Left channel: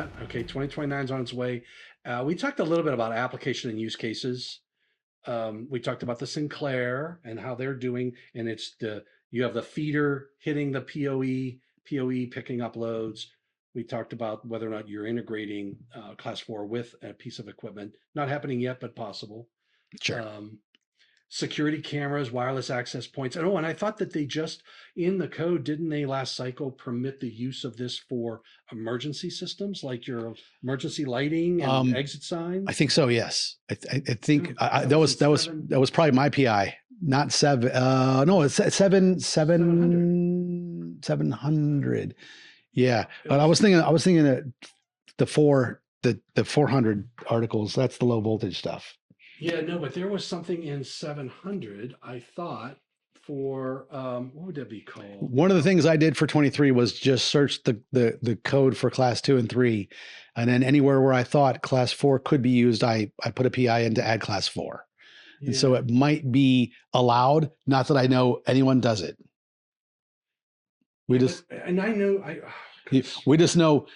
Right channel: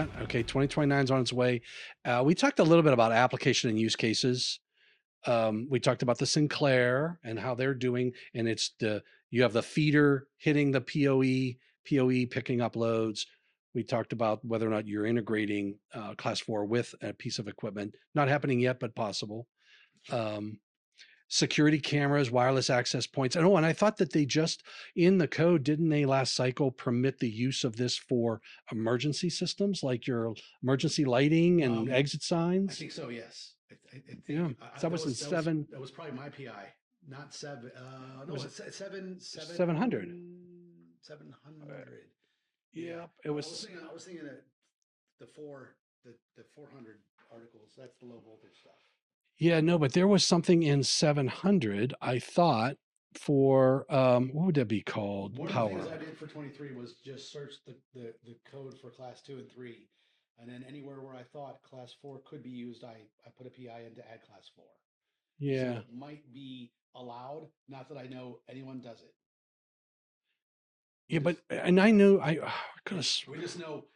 that. Okay, 2029 is on its way. We talked a little bit about application and use cases. We talked about the Sinclair and how they're doing, and you have the feeder hitting the PoE picking up loads. We talked about whether or not you're integrating class 4 with a piece of equipment. Not happening yet, but possible. Sure. Security cameras, wireless access points. And I thought that they just, in the code, didn't they last cycle permit the use of this for emergency systems, like your emergency lighting and exit signs? I think so, yes. I think Yeah, that was probably my PI, not 7. No, it's 700. Yeah. But I was thinking that the 400 articles, that's the low voltage stuff. Yeah, no, but there was something in 700, I thought, for what would that be called? One of the things I did for 23 was just search the code for class 2 and 3. And then anywhere where I thought class 4 could be used, I put a PI in to add class 4. Yeah. And so it might be allowed. Not that I know anyone does it. We just know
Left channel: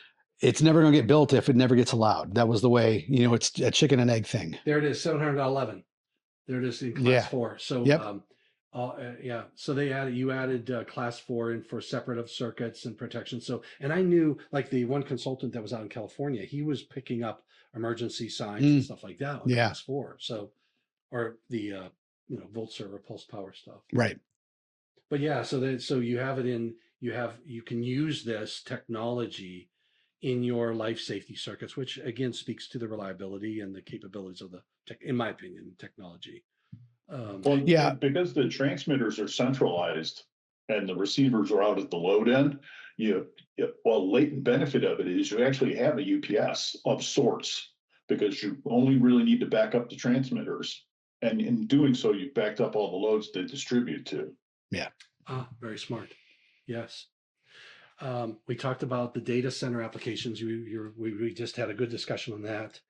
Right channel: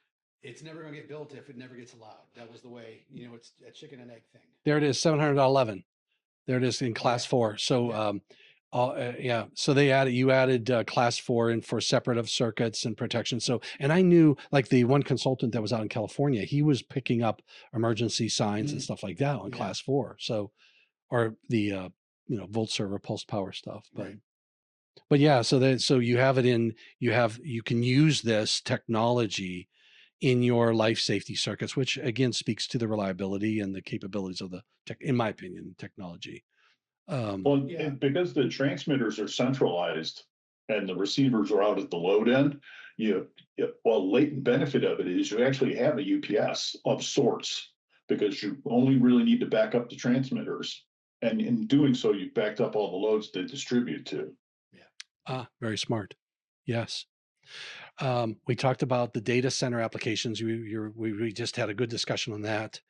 it's never going to get built if it never gets allowed. That was the way, it's a chicken and egg thing. There it is, 711. There it is in class 4. So, so you added class 4 in for separative circuits and protection. So, and I knew, like, the one consultant that was out in California, he was picking up emergency signs and stuff like that on class 4. So, or the volt server pulse power stuff. Right. But yeah, so you have it you can use this technology in your life safety circuits, which again speaks to the reliability and the capabilities of in my opinion, technology. Because the transmitters are centralized and the receivers are out at the load end, latent benefit of it is you actually have a UPS of sorts, because you only really need to back up the transmitters. And in doing so, you've backed up all the loads to distribute to. Yeah. Very smart. Yes. We talked about the data center applications. We just had a good discussion on that.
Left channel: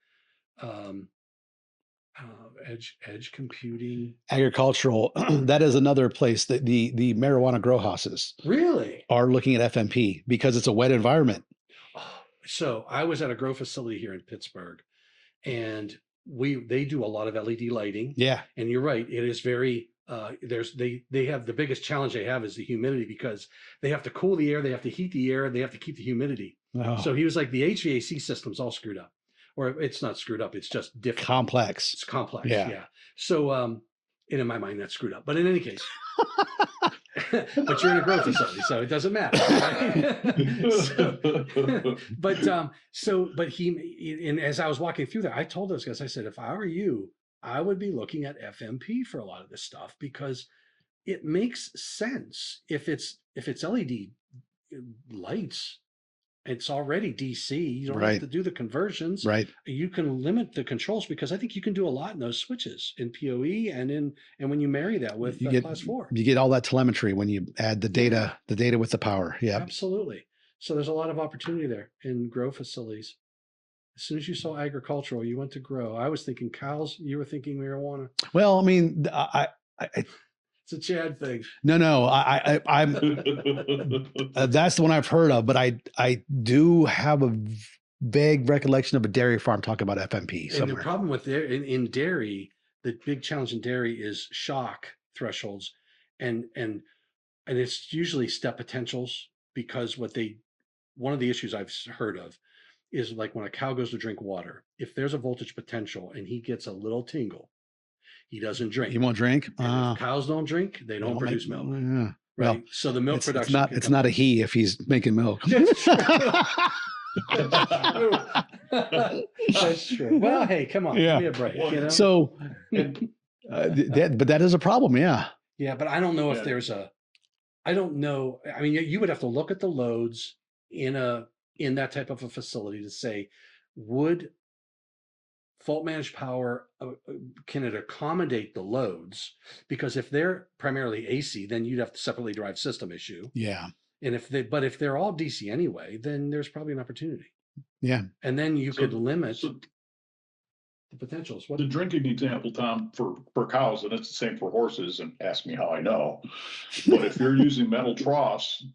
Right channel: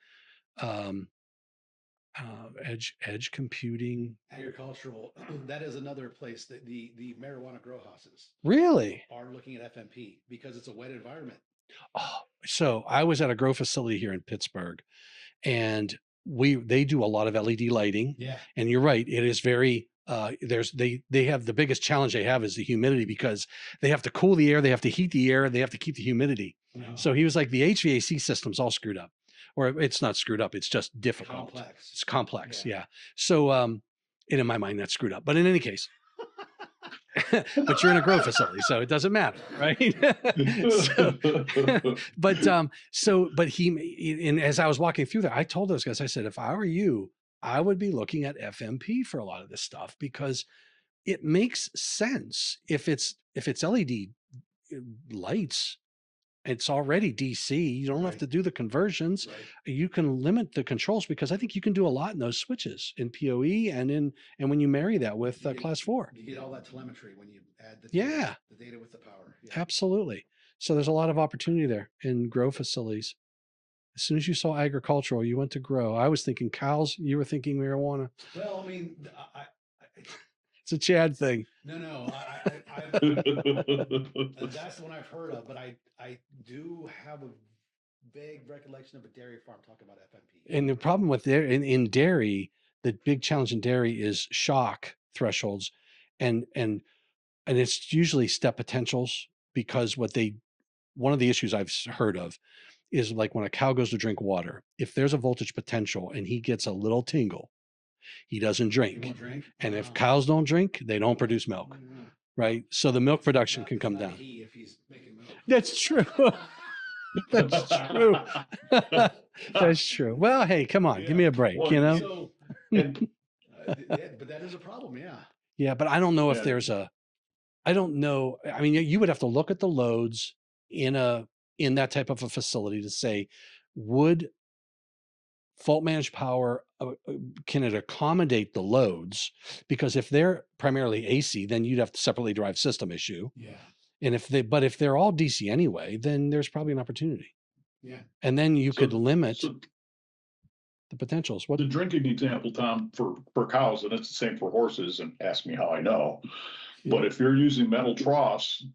Edge computing, agricultural. That is another place that the marijuana grow houses really are looking at FMP because it's a wet environment. So I was at a grow facility here in Pittsburgh, and they do a lot of LED lighting. Yeah, and you're right. It is very. They have the biggest challenge they have is the humidity, because they have to cool the air, they have to heat the air, they have to keep the humidity. Oh. So he was like, the HVAC system's all screwed up, or it's not screwed up, it's just different. Complex. It's complex. Yeah. So, and in my mind, that's screwed up. But in any case, but you're in a grow facility, so it doesn't matter, right? But as I was walking through there, I told those guys, I said, if I were you, I would be looking at FMP for a lot of this stuff, because it makes sense. If it's LED lights, it's already DC. You don't have to do the conversions. Right. You can limit the controls, because I think you can do a lot in those switches in PoE and when you marry that with class 4. You get all that telemetry when you add the data, with the power. Yeah, absolutely. So there's a lot of opportunity there in grow facilities. As soon as you saw agricultural, you went to grow. I was thinking cows. You were thinking marijuana. Well, I mean, it's a Chad thing. No, I'm. That's the one I've heard of, but I do have a vague recollection of a dairy farm talking about FMP. And the problem with in dairy, the big challenge in dairy is shock thresholds, and it's usually step potentials, because one of the issues I've heard of is, like, when a cow goes to drink water, if there's a voltage potential and he gets a little tingle, he doesn't drink. He won't drink. And if cows don't drink, they don't produce milk. Yeah. Right. Well, so the milk production. It's not a he if he's making milk. That's true. That's true. That's true. Well, hey, come on, give me a break. Well, So, but that is a problem. Yeah. Yeah, but I don't know if there's I don't know. I mean, you would have to look at the loads in that type of a facility to say, would fault managed power, can it accommodate the loads? Because if they're primarily AC, then you'd have to separately drive system issue. Yeah. And if they're all DC anyway, then there's probably an opportunity. Yeah. And then you could limit the potentials. The drinking example, Tom, for cows, and it's the same for horses, and ask me how I know. But if you're using metal troughs,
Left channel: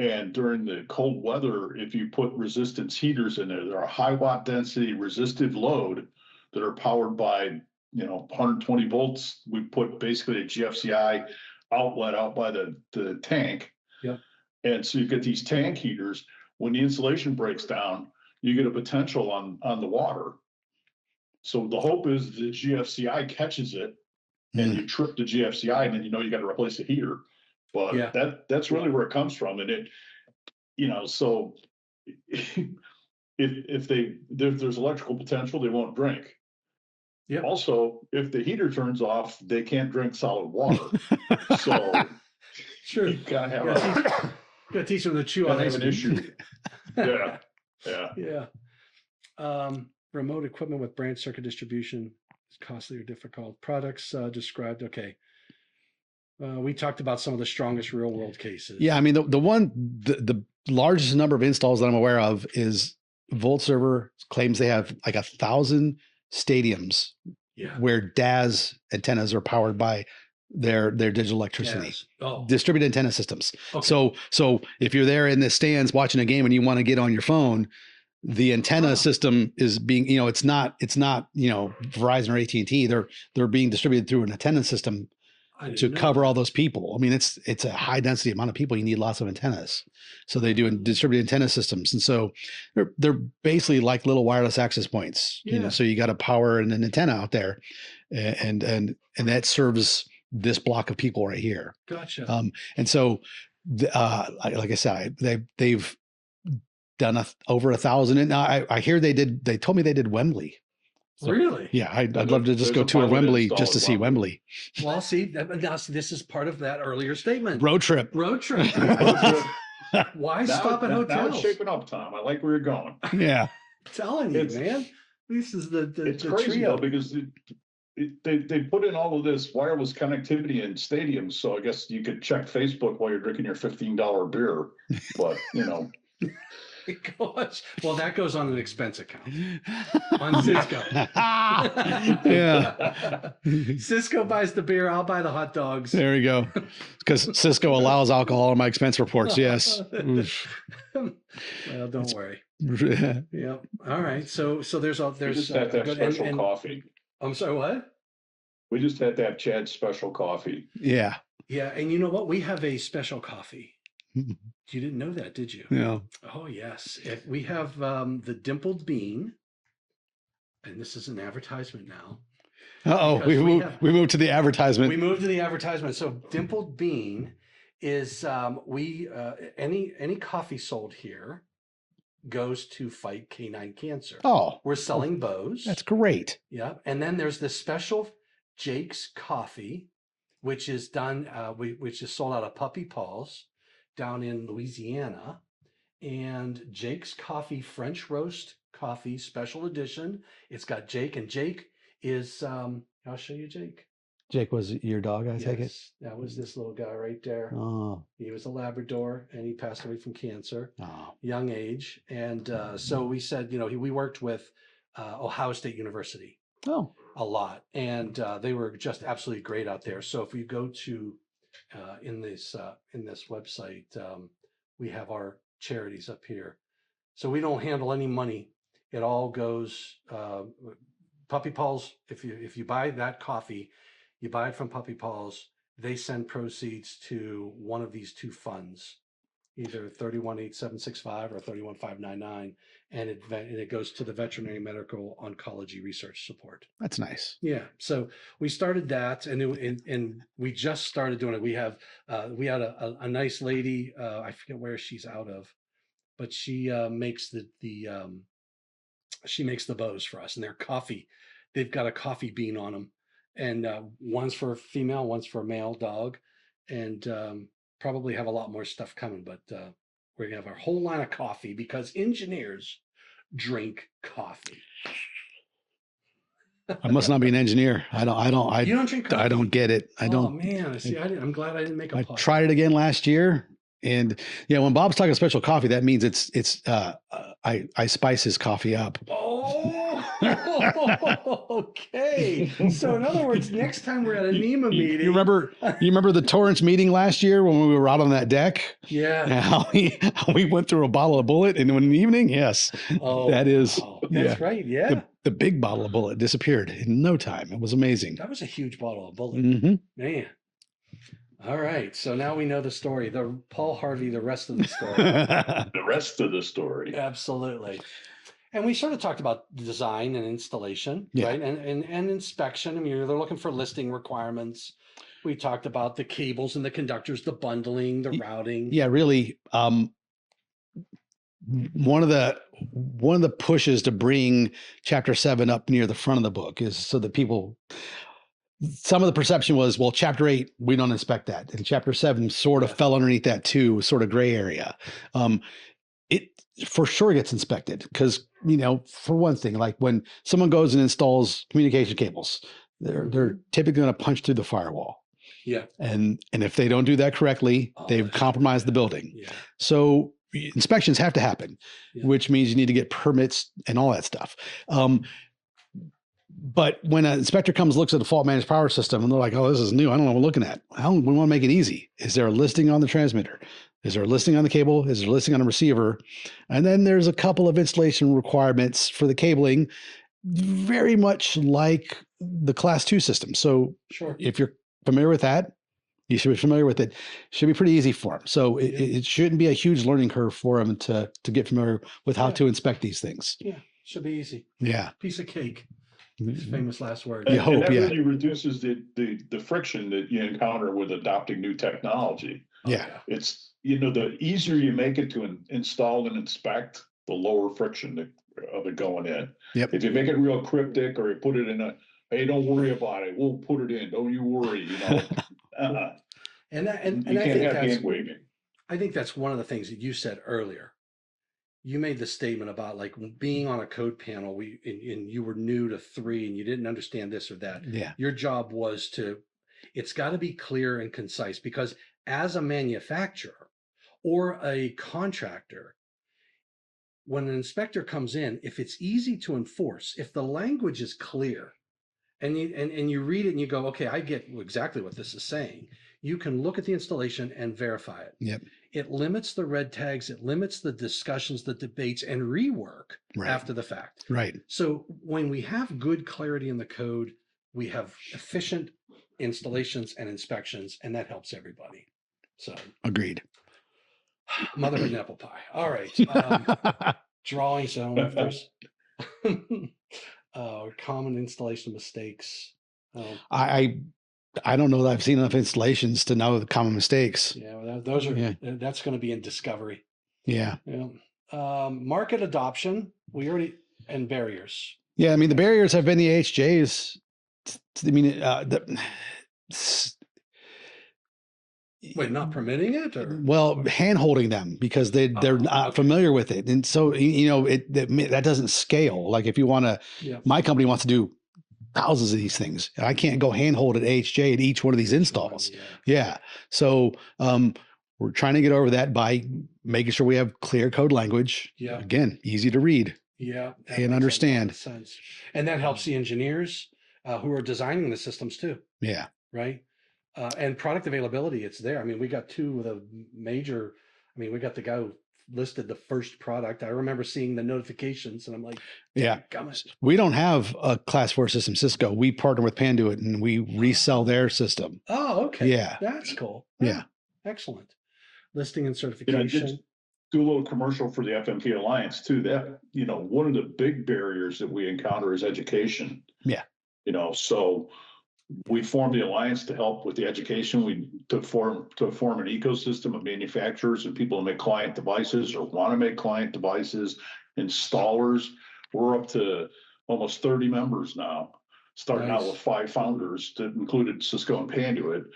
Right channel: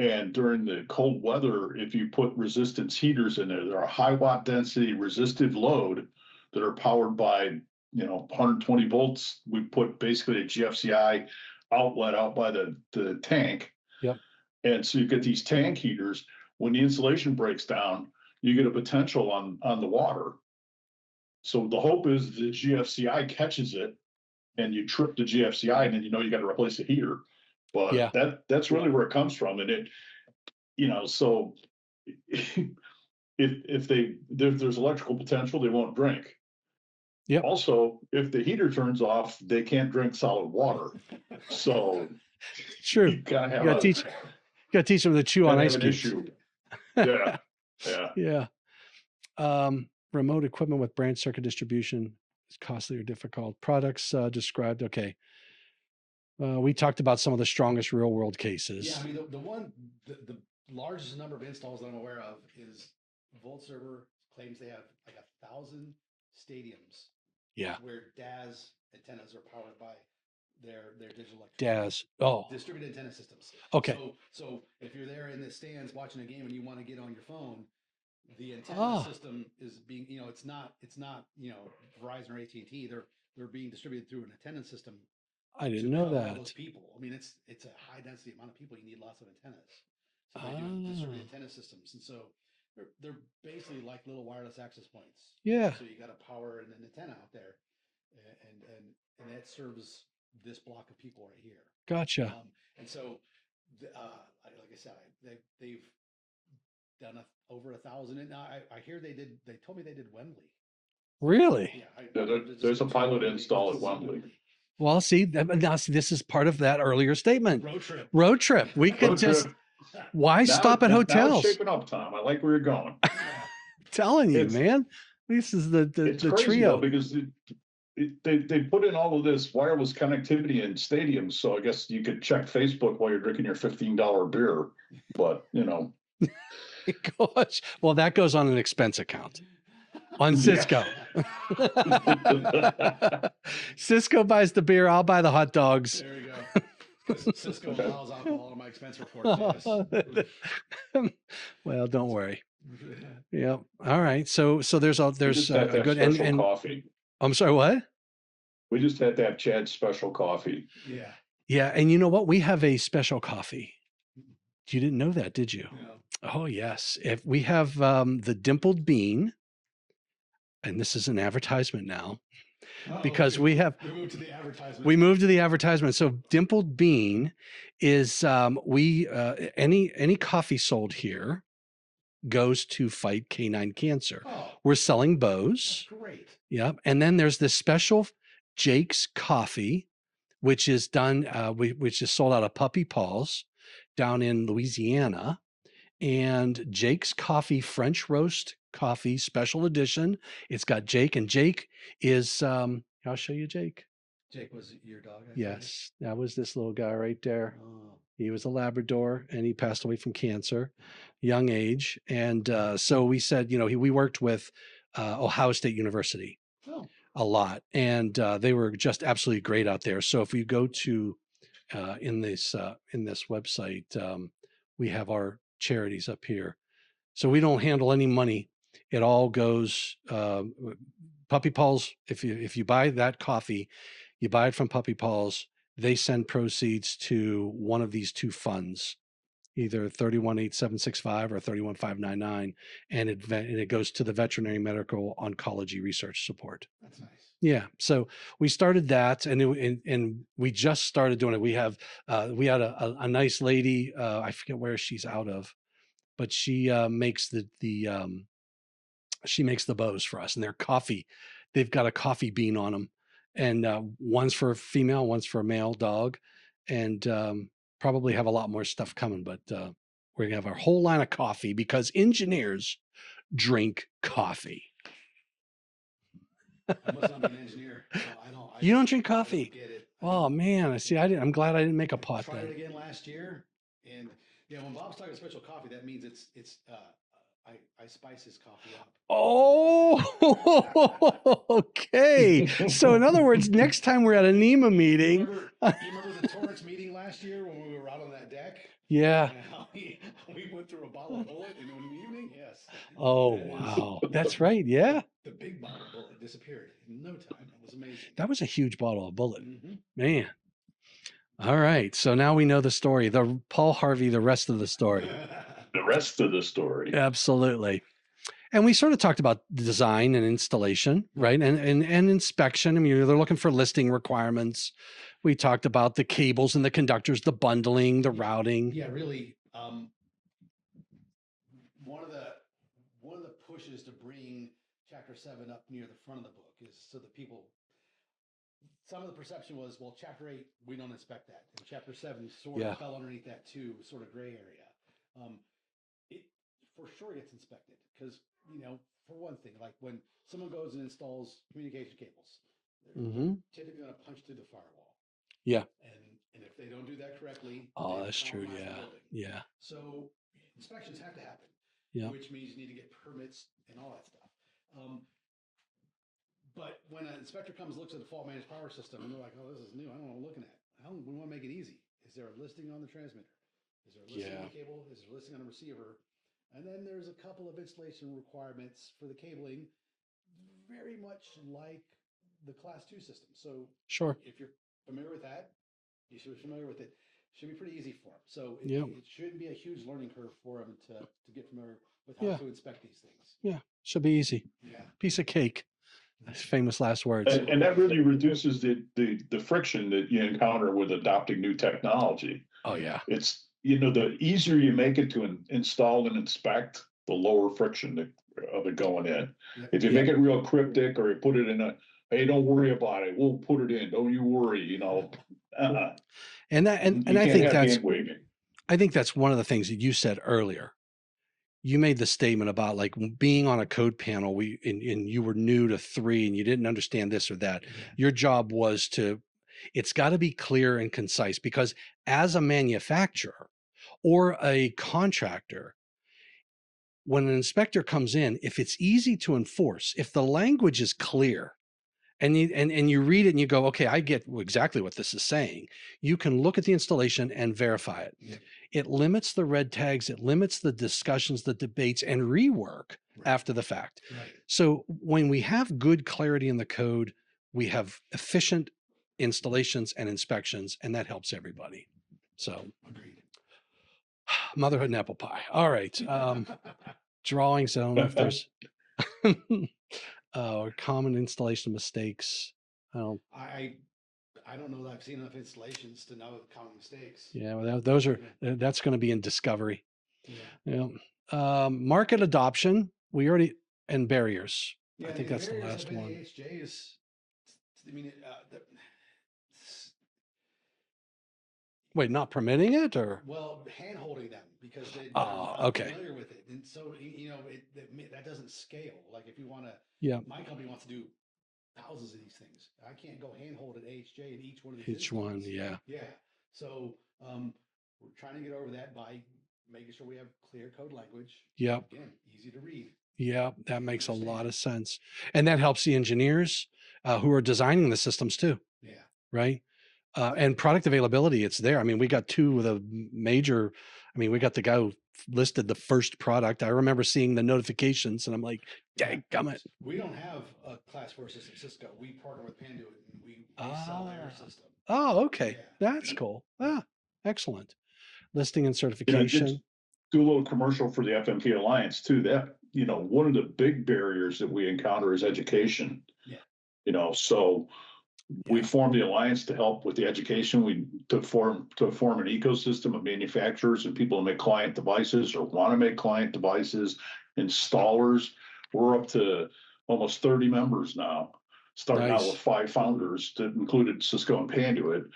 And during the cold weather, if you put resistance heaters in there, there are high watt density resistive load that are powered by, 120 volts. We put basically a GFCI outlet out by the tank. Yep. And so you get these tank heaters. When the insulation breaks down, you get a potential on the water. So the hope is the GFCI catches it and you trip the GFCI, and then you got to replace the heater. But that's really where it comes from. And it, so if there's electrical potential, they won't drink. Yeah. Also, if the heater turns off, they can't drink solid water. So true. You gotta teach them to chew on ice an issue. Yeah. Remote equipment with branch circuit distribution is costly or difficult. Products described. Okay. We talked about some of the strongest real world cases. Yeah, I mean the largest number of installs that I'm aware of is VoltServer claims they have like 1,000 stadiums where DAS antennas are powered by their digital electricity. Distributed antenna systems. Okay. So if you're there in the stands watching a game and you want to get on your phone, the antenna system is being, it's not Verizon or AT&T. They're being distributed through an antenna system to cover all those people. I mean, it's a high density amount of people. You need lots of antennas. So they do distributed antenna systems. And so they're basically like little wireless access points. Yeah. So you got to power an antenna out there and that serves this block of people right here. Gotcha. And so, like I said, they've done over 1,000. And I hear they told me they did Wembley. So, really? Yeah, I'd love to just go to Wembley just to see Wembley. Well, see, this is part of that earlier statement. Road trip. Why stop at hotels? Now it's shaping up, Tom. I like where you're going. Yeah. I'm telling you, man. This is it's the crazy trio. though, because they put in all of this wireless connectivity in stadiums. So I guess you could check Facebook while you're drinking your $15 beer. But Gosh. Well, that goes on an expense account on Cisco. Yeah. Cisco buys the beer, I'll buy the hot dogs. There we go. Because Cisco allows alcohol on my expense reports. Yes. Well, don't worry. Yeah. All right. So there's a good special coffee. I'm sorry, what? We just had to have Chad's special coffee. Yeah. Yeah. And you know what? We have a special coffee. You didn't know that, did you? Yeah. Oh, yes. If we have the dimpled bean, and this is an advertisement now. Because we moved to the advertisement. We moved to the advertisement. So dimpled bean is any coffee sold here goes to fight canine cancer. Oh, we're selling bows. That's great. Yep. And then there's this special Jake's coffee, which is done, which is sold out of Puppy Paws down in Louisiana, and Jake's Coffee French Roast Coffee Special Edition. It's got Jake, and Jake is, I'll show you Jake. Jake was your dog, I take it? Yes, that was this little guy right there. Oh. He was a Labrador, and he passed away from cancer, young age. And so we said, we worked with Ohio State University a lot, and they were just absolutely great out there. So if you go to in this website, we have our charities up here. So we don't handle any money. It all goes Puppy Paws. If you buy that coffee, you buy it from Puppy Paws. They send proceeds to one of these two funds, either 318765 or 31599, and it goes to the Veterinary Medical Oncology Research Support. That's nice. Yeah. So we started that, and we just started doing it. We had a nice lady. I forget where she's out of, but she makes she makes the bows for us, and they're coffee. They've got a coffee bean on them, and one's for a female, one's for a male dog, and probably have a lot more stuff coming, but we're gonna have our whole line of coffee because engineers drink coffee. I must not be an engineer. You don't drink coffee? I don't get it. Oh man, see, I'm glad I didn't make a pot. I tried it again last year, and when Bob's talking special coffee, that means I spice his coffee up. Oh, Okay. So in other words, next time we're at a NEMA meeting. You remember the Torrance meeting last year when we were out on that deck? Yeah. And how we went through a bottle of Bullet in an evening? Yes. Oh, that is. wow. That's right. Yeah. The big bottle of Bullet disappeared in no time. It was amazing. That was a huge bottle of Bullet. Mm-hmm. Man. All right. So now we know the story. The Paul Harvey, the rest of the story. The rest of the story. Absolutely. And we sort of talked about design and installation, right? And inspection. I mean, they're looking for listing requirements. We talked about the cables and the conductors, the bundling, the routing. Yeah, really. One of the pushes to bring Chapter 7 up near the front of the book is so that some of the perception was, well, Chapter 8, we don't inspect that. And Chapter 7 sort of fell underneath that too, sort of gray area. It for sure gets inspected because, for one thing, like when someone goes and installs communication cables, they're typically going to punch through the firewall. Yeah. And if they don't do that correctly, they've compromised the building. Yeah. So inspections have to happen, which means you need to get permits and all that stuff. But when an inspector looks at the fault managed power system and they're like, oh, this is new, I don't know what we're looking at. We want to make it easy. Is there a listing on the transmitter? Is there a listing on the cable? Is there a listing on the receiver? And then there's a couple of installation requirements for the cabling, very much like the Class 2 system. So if you're familiar with that, you should be familiar with it. Should be pretty easy for them. So it shouldn't be a huge learning curve for them to get familiar with how to inspect these things. Yeah, should be easy. Yeah. Piece of cake. Famous last words. And that really reduces the friction that you encounter with adopting new technology. It's, the easier you make it to install and inspect, the lower friction of it going in. Yep. If you make it real cryptic or you put it in hey, don't worry about it, we'll put it in, don't you worry, And I think that's one of the things that you said earlier. You made the statement about like being on a code panel, and you were new to 3 and you didn't understand this or that. Yeah. Your job was it's got to be clear and concise, because as a manufacturer or a contractor, when an inspector comes in, if it's easy to enforce, if the language is clear, and you read it and you go, okay, I get exactly what this is saying, you can look at the installation and verify it. Yep. It limits the red tags, it limits the discussions, the debates, and rework after the fact. Right. So when we have good clarity in the code, we have efficient installations and inspections, and that helps everybody. So agreed. Motherhood and apple pie. All right. Drawings. I don't know if there's common installation mistakes. I don't know that I've seen enough installations to know the common mistakes. Yeah, well, those are that's going to be in discovery. Yeah. Market adoption. And barriers. Yeah, I mean the barriers have been the HJs. I mean, wait, not permitting it, or hand holding them because they're not familiar with it, and so that doesn't scale. Like if you want to, my company wants to do thousands of these things, and I can't go hand hold at HJ at each one of these installs. So we're trying to get over that by making sure we have clear code language. Yeah, again, easy to read. Yeah, that and makes understand. A lot of sense, and that helps the engineers who are designing the systems too. Yeah, right. And product availability, it's there. I mean, we got two of the major. I mean, we got the guy who listed the first product. I remember seeing the notifications, and I'm like, we don't have a Class 4 system, Cisco. We partner with Panduit, and we resell their system. Oh, okay. Yeah, that's cool. Yeah, excellent. Listing and certification. Just do a little commercial for the FMP Alliance too. That one of the big barriers that we encounter is education. Yeah, so. We formed the alliance to help with the education. To form an ecosystem of manufacturers and people who make client devices or want to make client devices, installers. We're up to almost 30 members now, starting out with 5 founders that included Cisco and Panduit.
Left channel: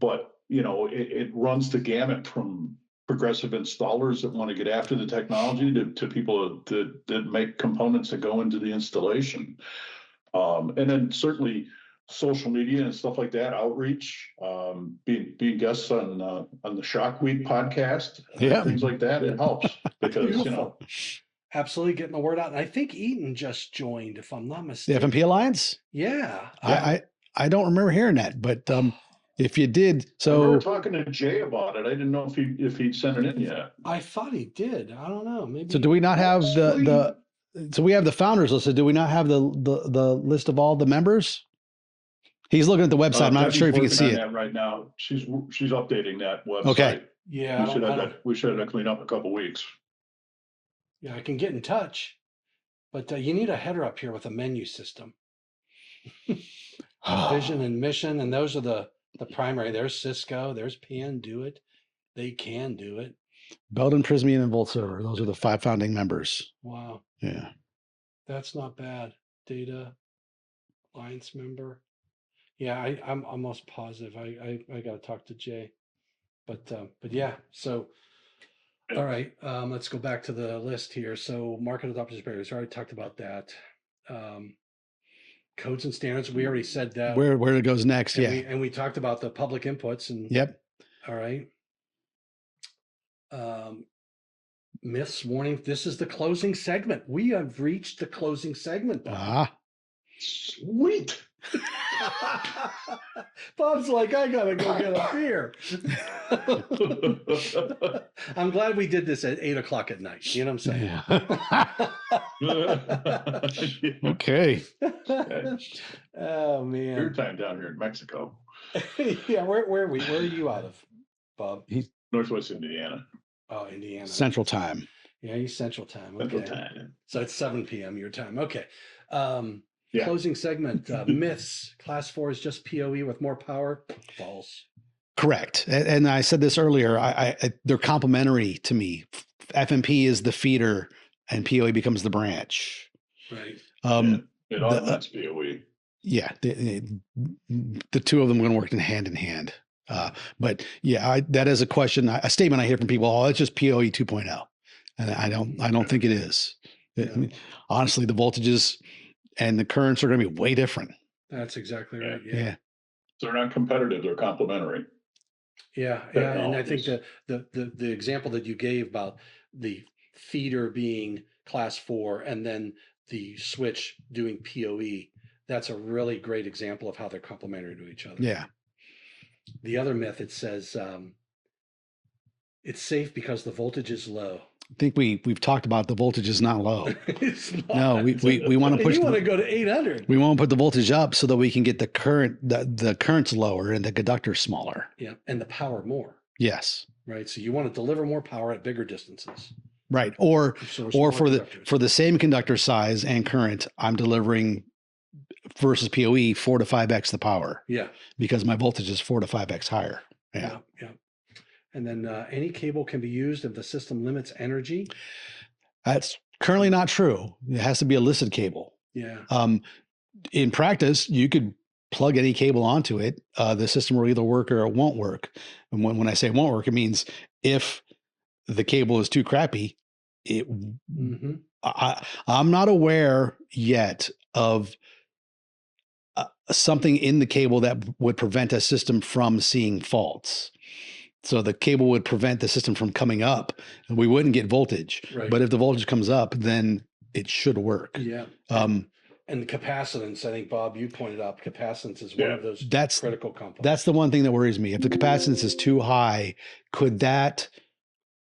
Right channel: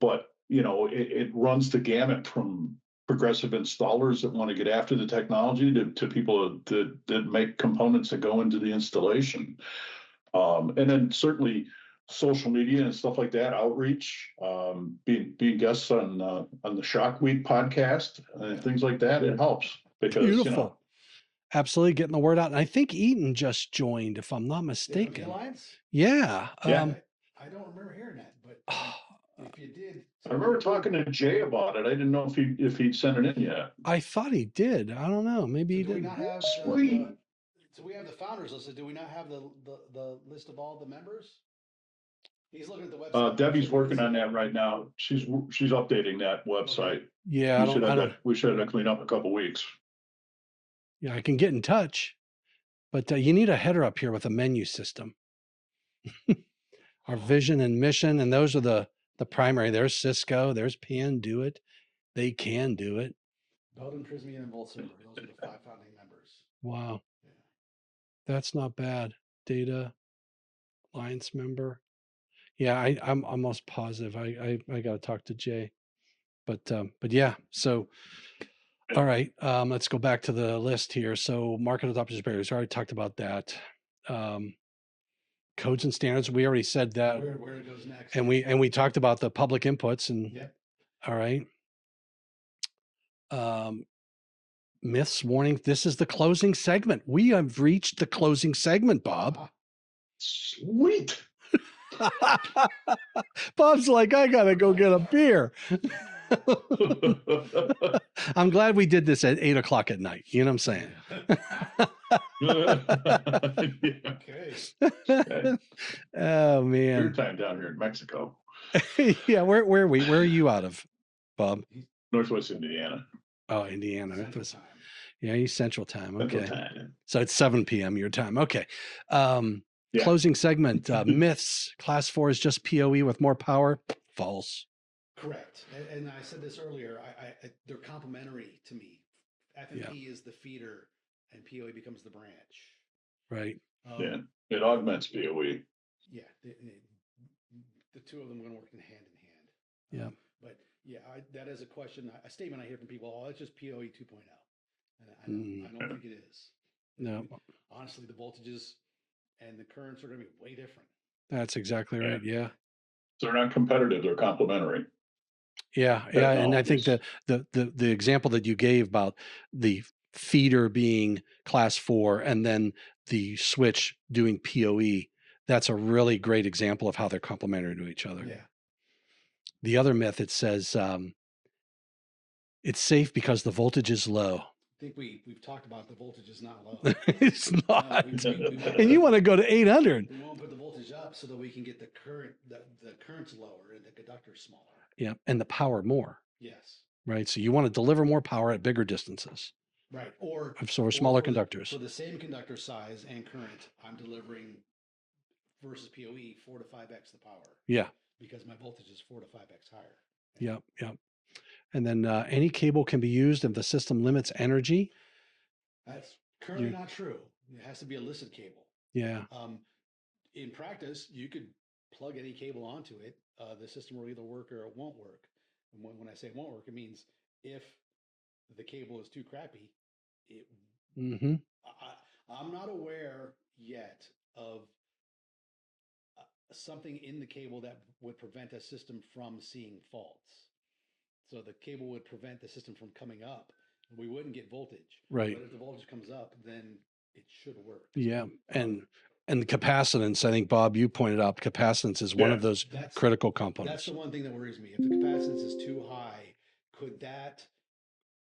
But it runs the gamut from progressive installers that want to get after the technology to people that make components that go into the installation. And then certainly social media and stuff like that, outreach, being guests on the Shock Week podcast, things like that. It helps because absolutely getting the word out. And I think Eaton just joined, if I'm not The mistaken. FMP Alliance? Yeah. Yeah, I don't remember hearing that, but if you did, I remember so talking to Jay about it. I didn't know if he'd sent it in yet. I thought he did. I don't know. Maybe. so he do we didn't. not have Sweet. so we have the founders listed. Do we not have the list of all the members? He's looking at the website. I'm not Debbie's sure if you can working see on it. that right now. She's updating that website. Okay. Yeah. We should have that cleaned up in a couple weeks. Yeah, I can get in touch, but you need a header up here with a menu system. A vision and mission, and those are the primary. There's Cisco, there's PN, do it. They can do it. Belden, Prismian, and Volt Server. Those are the 5 founding members. Wow. Yeah. That's not bad. Data Alliance member. Yeah, I'm almost positive. I got to talk to Jay, but yeah. So, all right. Let's go back to the list here. So, market adopters barriers. Already talked about that. Codes and standards. We already said that. Where it goes next. And yeah. we talked about the public inputs and. Yep. All right. Myths, warning. This is the closing segment. We have reached the closing segment, Bob. Sweet. Bob's like, I gotta go get a beer. I'm glad we did this at 8 o'clock at night. You know what I'm saying? Okay. Oh man. Beer time down here in Mexico. Yeah, where are you out of, Bob? Northwest Indiana. Oh, Indiana. Central time. Yeah, he's Central time. Okay. Central time. So it's 7 p.m. your time. Okay. Yeah. Closing segment. Myths. Class 4 is just PoE with more power. False. Correct. And I said this earlier. They're complementary to me. FMP is the feeder, and PoE becomes the branch. Right. It augments PoE. Yeah. The two of them are going to work in hand. But yeah, that is a question, a statement I hear from people. Oh, it's just PoE 2.0, and I don't think it is. Honestly, the voltages and the currents are going to be way different. That's exactly right. Yeah. So they're not competitive; they're complementary. Yeah. And I think the example that you gave about the feeder being class 4 and then the switch doing PoE, that's a really great example of how they're complementary to each other. Yeah. The other myth, it says it's safe because the voltage is low. I think we've talked about the voltage is not low. It's not. No, we want to push. You want to go to 800. We want to put the voltage up so that we can get the currents lower and the conductor smaller. Yeah, and the power more. Yes. Right. So you want to deliver more power at bigger distances. Right. Or for the same conductor size and current, I'm delivering versus PoE 4 to 5x the power. Yeah. Because my voltage is 4 to 5x higher. Yeah. And then any cable can be used if the system limits energy. That's currently not true. It has to be a listed cable. Yeah. In practice, you could plug any cable onto it. The system will either work or it won't work. And when I say it won't work, it means if the cable is too crappy, I'm not aware yet of something in the cable that would prevent a system from seeing faults. So the cable would prevent the system from coming up and we wouldn't get voltage. Right. But if the voltage comes up, then it should work. Yeah. And the capacitance, I think, Bob, you pointed out capacitance is one of those critical components. That's the one thing that worries me. If the capacitance is too high, could that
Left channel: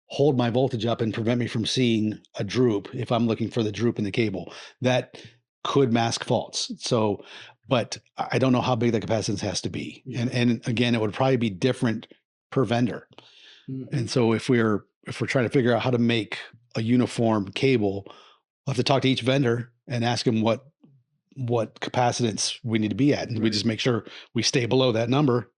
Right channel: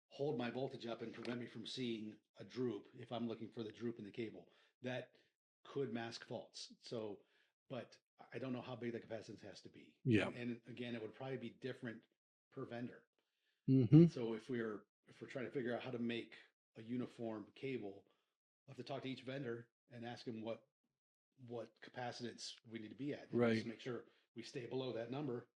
hold my voltage up and prevent me from seeing a droop if I'm looking for the droop in the cable? That could mask faults. So, but I don't know how big the capacitance has to be. Yeah. And again, it would probably be different per vendor. And so if we're trying to figure out how to make a uniform cable, we'll have to talk to each vendor and ask them what capacitance we need to be at. And we just make sure we stay below that number.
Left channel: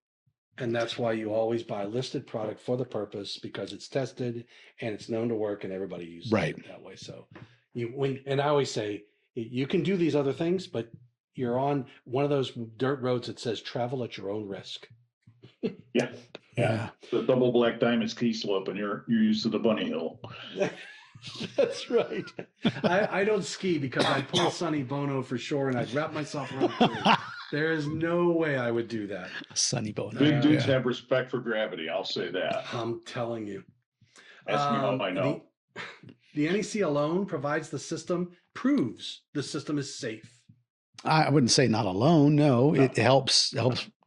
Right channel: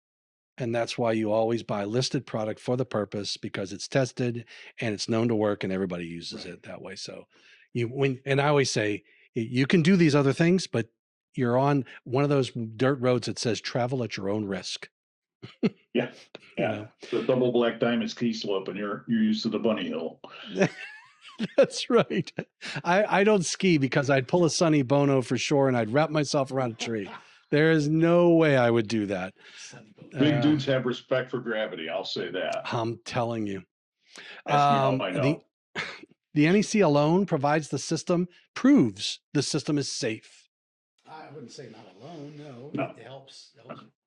And that's why you always buy listed product for the purpose, because it's tested and it's known to work and everybody uses it that way. So and I always say, you can do these other things, but you're on one of those dirt roads that says travel at your own risk. Yeah. The double black diamond ski slope, and you're used to the bunny hill. That's right. I don't ski because I'd pull a Sonny Bono for sure and I'd wrap myself around a tree. There is no way I would do that. Sonny Bono. Big dudes have respect for gravity. I'll say that. I'm telling you. Ask me how I know. The NEC alone provides proves the system is safe. I wouldn't say not alone. No, No. it helps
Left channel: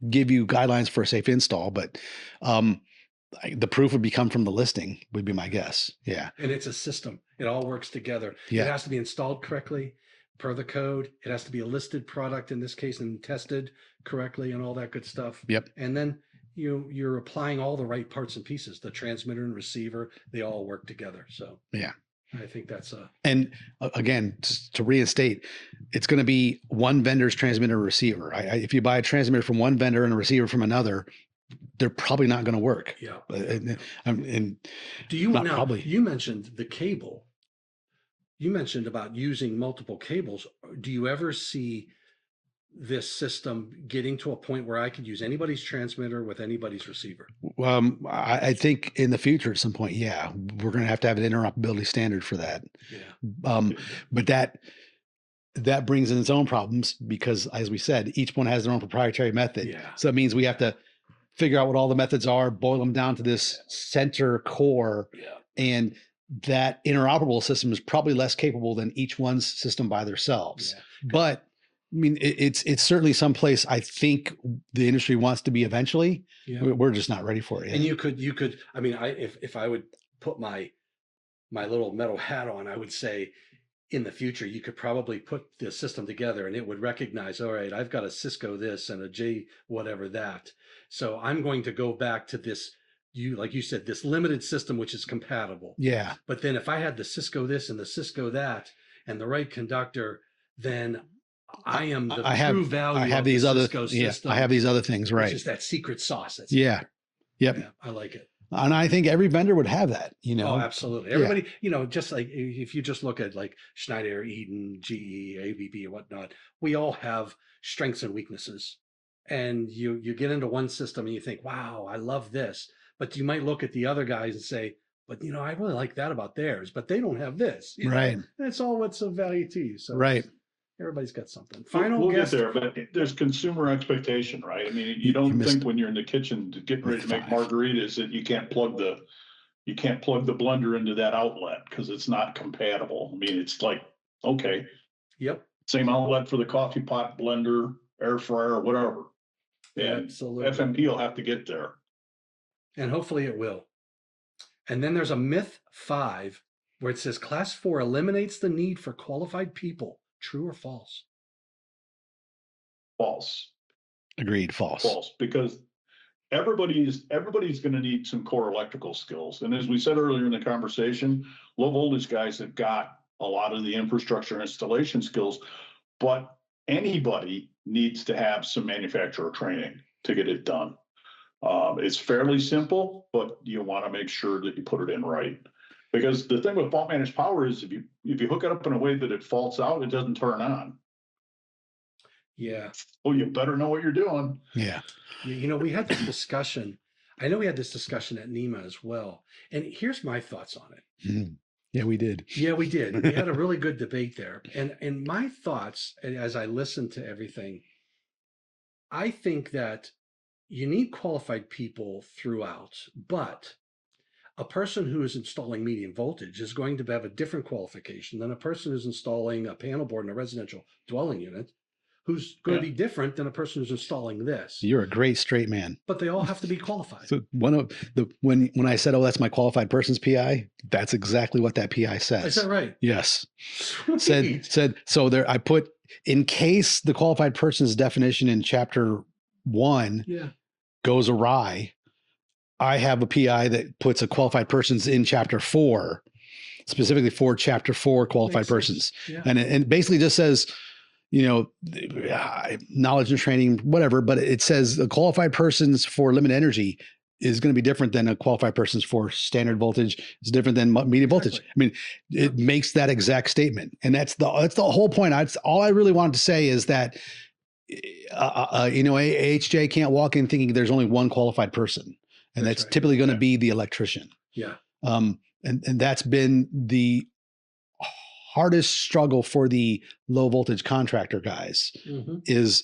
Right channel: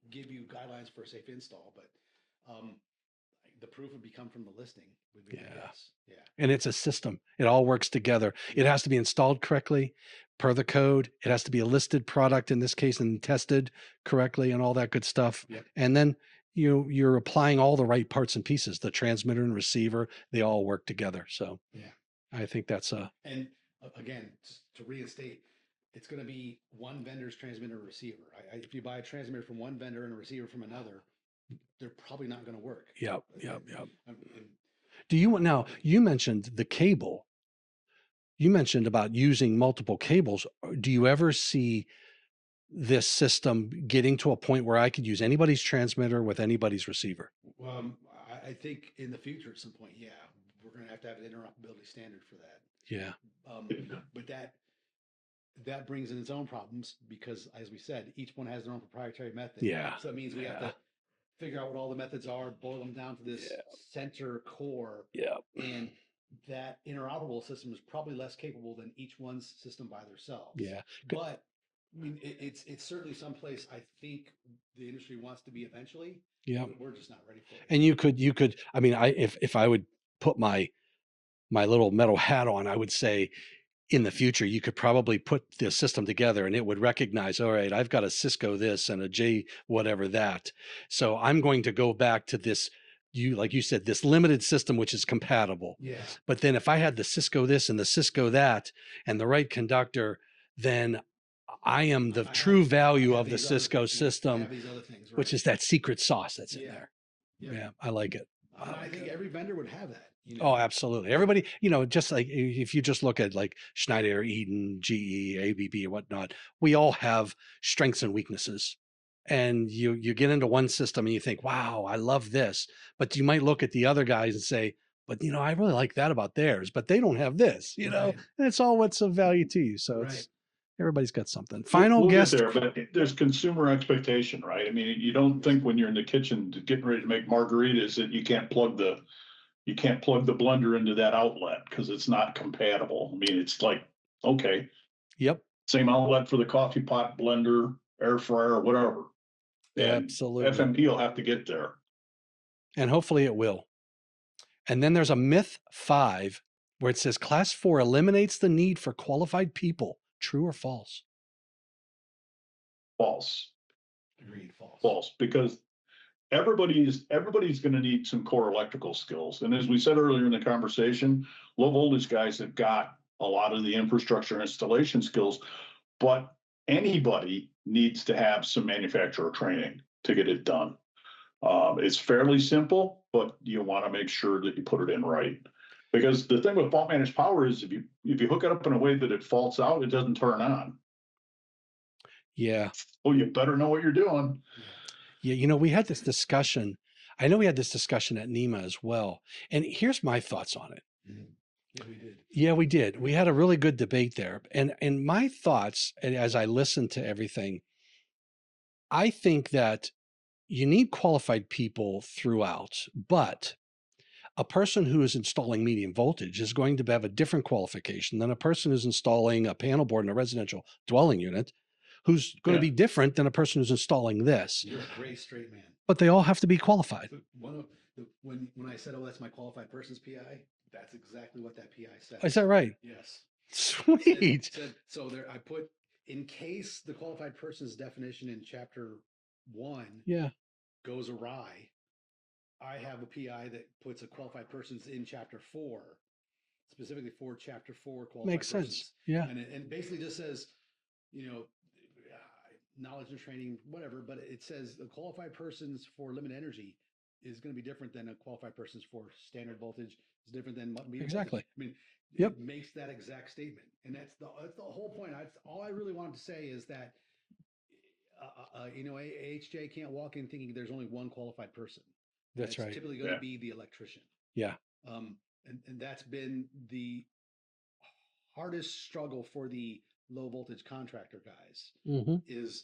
give you guidelines for a safe install, but the proof would come from the listing, would be my guess. Yeah. And it's a system. It all works together. Yeah. It has to be installed correctly per the code. It has to be a listed product in this case and tested correctly and all that good stuff. Yep. And then you're applying all the right parts and pieces. The transmitter and receiver, they all work together. So yeah, I think that's and again, to reinstate, it's going to be one vendor's transmitter receiver. If you buy a transmitter from one vendor and a receiver from another, they're probably not going to work. Yeah. And do you now? Probably. You mentioned the cable. You mentioned about using multiple cables. Do you ever see this system getting to a point where I could use anybody's transmitter with anybody's receiver? I think in the future at some point, yeah, we're going to have an interoperability standard for that. Yeah. But that brings in its own problems because, as we said, each one has their own proprietary method. Yeah. So it means we have to figure out what all the methods are, boil them down to this center core. Yeah. And that interoperable system is probably less capable than each one's system by themselves. Yeah. But I mean, it's certainly someplace I think the industry wants to be eventually. Yeah. We're just not ready for it yet. And you could, I mean, if I would put my little metal hat on, I would say in the future, you could probably put the system together and it would recognize, all right, I've got a Cisco this and a J whatever that. So I'm going to go back to this, like you said, this limited system, which is compatible. Yeah. But then if I had the Cisco this and the Cisco that and the right conductor, then I am the true value of the Cisco system. I have these other things, right? Which is that secret sauce. That's Yep. Yeah, I like it. And I think every vendor would have that, Oh, absolutely. Everybody, just like if you just look at like Schneider, Eaton, GE, ABB, and whatnot, we all have strengths and weaknesses. And you get into one system and you think, wow, I love this. But you might look at the other guys and say, but I really like that about theirs, but they don't have this. Right. And it's all what's of value to you. So right. Everybody's got something. We'll get there, but there's consumer expectation, right? I mean, you don't think when you're in the kitchen getting ready to make margaritas that you can't plug the blender into that outlet because it's not compatible. I mean, it's like, okay. Yep. Same outlet for the coffee pot, blender, air fryer, whatever. And absolutely. FMP will have to get there. And hopefully it will. And then there's a myth 5 where it says class 4 eliminates the need for qualified people. True or false? False. Agreed. False. False, because everybody's going to need some core electrical skills. And as we said earlier in the conversation, low voltage guys have got a lot of the infrastructure installation skills, but anybody needs to have some manufacturer training to get it done. It's fairly simple, but you want to make sure that you put it in right. Because the thing with fault managed power is if you hook it up in a way that it faults out, it doesn't turn on. Yeah. Well, you better know what you're doing. Yeah. Yeah. We had this discussion. I know we had this discussion at NEMA as well. And here's my thoughts on it. Mm. Yeah, we did. Yeah, we did. We had a really good debate there. And my thoughts, as I listened to everything, I think that you need qualified people throughout, but a person who is installing medium voltage is going to have a different qualification than a person who's installing a panel board in a residential dwelling unit, who's going to be different than a person who's installing this. You're a great straight man. But they all have to be qualified. So when I said, "Oh, that's my qualified person's PI," that's exactly what that PI says. Is that right? Yes. Sweet. Said so. There, I put in case the qualified person's definition in chapter 1 goes awry. I have a PI that puts a qualified persons in chapter 4, specifically for chapter 4 qualified persons. Yeah. And it basically just says, knowledge and training, whatever, but it says the qualified persons for limited energy is going to be different than a qualified persons for standard voltage. It's different than medium voltage. I mean, it makes that exact statement. And that's the whole point. All I really wanted to say is that, HJ can't walk in thinking there's only one qualified person. And that's typically going to be the electrician. Yeah. And that's been the hardest struggle for the low voltage contractor guys is,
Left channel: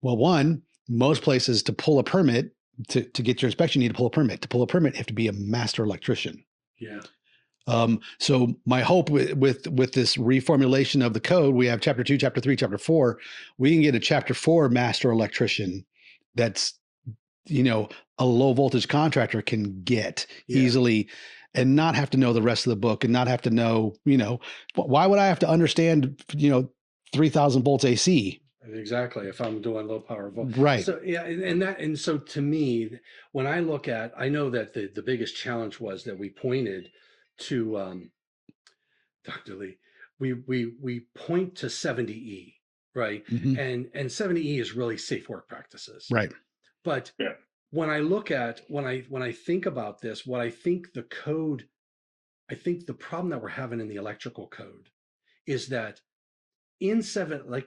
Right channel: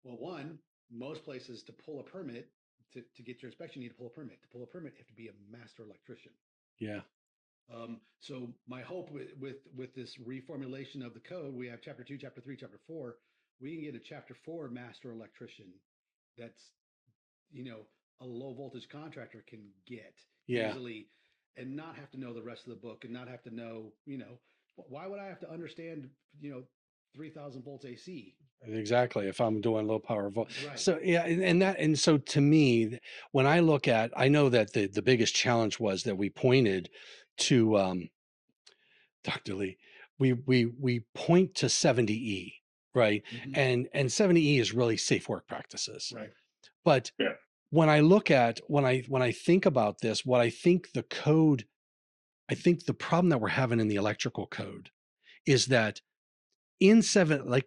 one, most places to pull a permit to get your inspection, you need to pull a permit. To pull a permit, you have to be a master electrician. Yeah. So my hope with this reformulation of the code, we have chapter 2, chapter 3, chapter 4. We can get a chapter 4 master electrician that's, a low voltage contractor can get easily, and not have to know the rest of the book, and not have to know, why would I have to understand, 3,000 volts AC? Exactly. If I'm doing low power volt. Right. So yeah, and so to me, when I look at, I know that the biggest challenge was that we pointed to Dr. Lee, we point to 70E, right? Mhm. And 70E is really safe work practices. Right. But Yeah. when I look at when I think about this, what I think the code, I think the problem that we're having in the electrical code is that in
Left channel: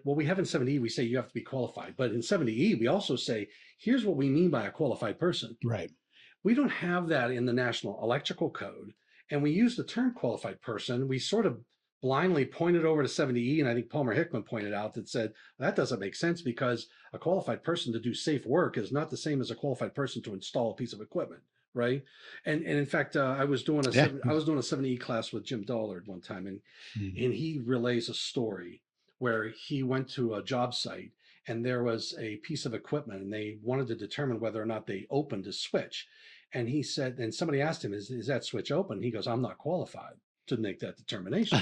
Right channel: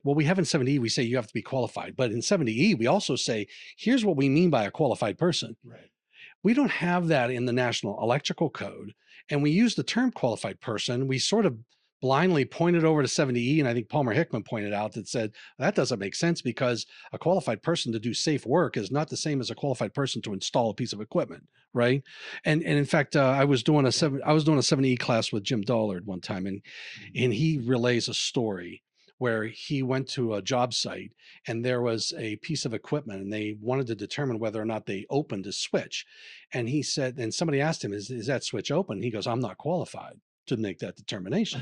what we have in 70E, we say you have to be qualified, but in 70E, we also say, here's what we mean by a qualified person. Right. We don't have that in the National Electrical Code. And we use the term qualified person. We sort of blindly pointed over to 70E. And I think Palmer Hickman pointed out that said, that doesn't make sense because a qualified person to do safe work is not the same as a qualified person to install a piece of equipment. Right. And in fact, I was doing a 70E class with Jim Dollard one time, and he relays a story where he went to a job site and there was a piece of equipment and they wanted to determine whether or not they opened a switch. And he said, and somebody asked him, is that switch open? He goes, I'm not qualified to make that determination.